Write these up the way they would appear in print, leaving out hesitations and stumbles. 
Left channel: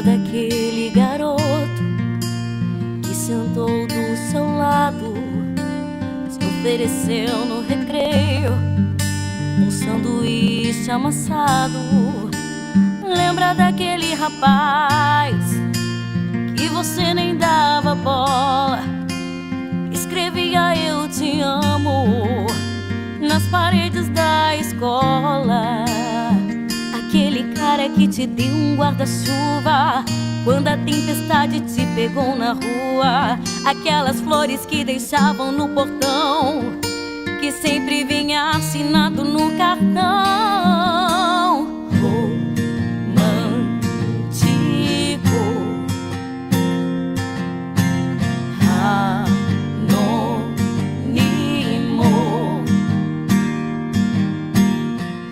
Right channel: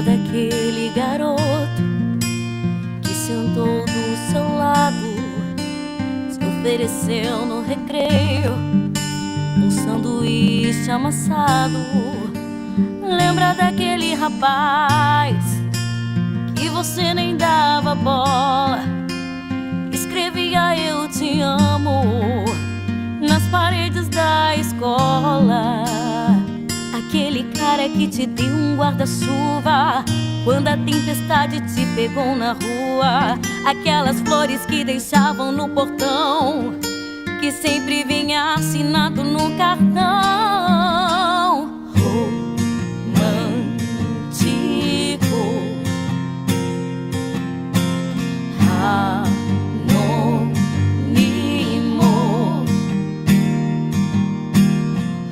Lembra daquele garoto que sentou do seu lado, se ofereceu no recreio um sanduíche amassado? Lembra daquele rapaz que você nem dava bola, escrevia "eu te amo" nas paredes da escola? Aquele cara que te deu um guarda-chuva quando a tempestade te pegou na rua. Aquelas flores que deixavam no portão, que sempre vinha assinado no cartão. Romântico, anônimo,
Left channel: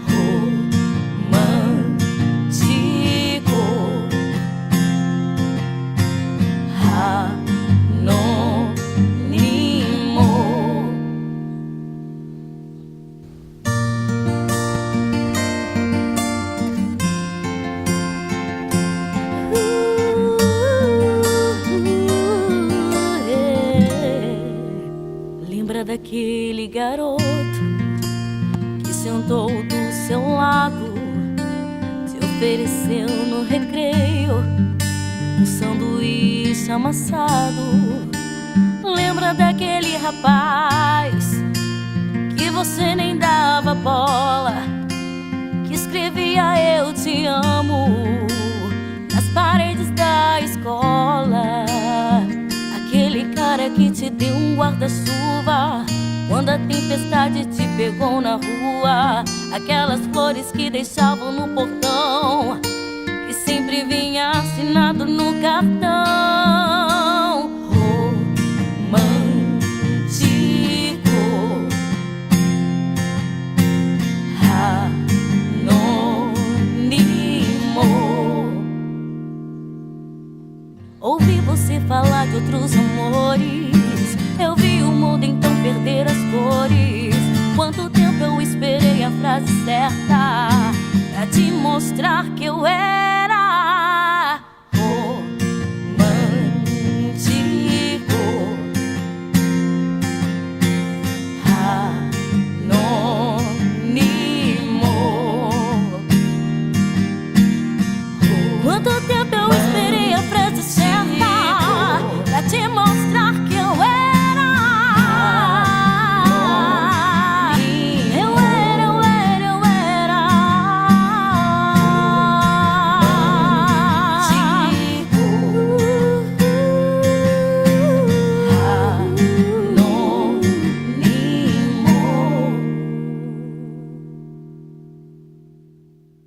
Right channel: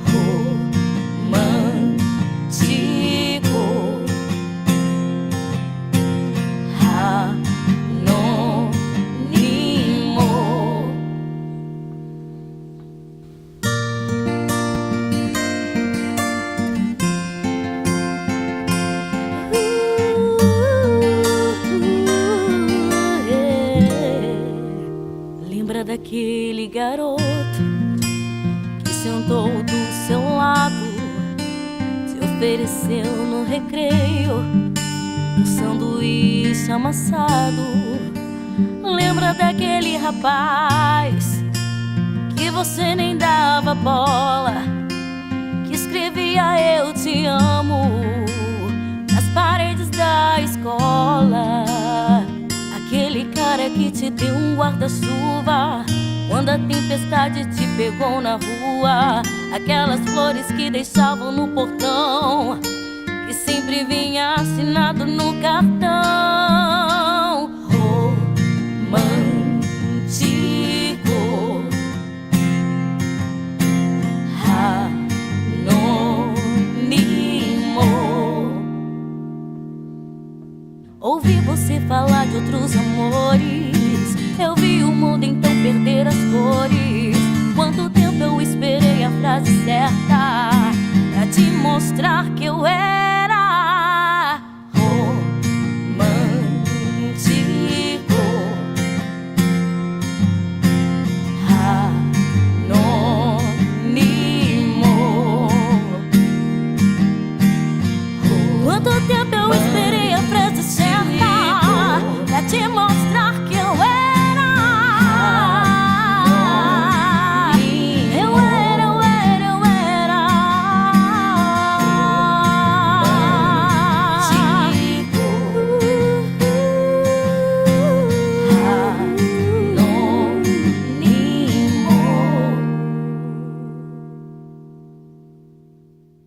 romântico, anônimo. Lembra daquele garoto que sentou do seu lado, se ofereceu no recreio um sanduíche amassado? Lembra daquele rapaz que você nem dava bola, que escrevia "eu te amo" nas paredes da escola? Aquele cara que te deu um guarda-chuva quando a tempestade te pegou na rua. Aquelas flores que deixavam no portão, que sempre vinha assinado no cartão. Romântico, anônimo. Ouvi você falar de outros amores, eu vi o mundo então perder as cores. Quanto tempo eu esperei a frase certa pra te mostrar que eu era romântico, anônimo. Quanto tempo eu esperei a frase certa pra te mostrar que eu era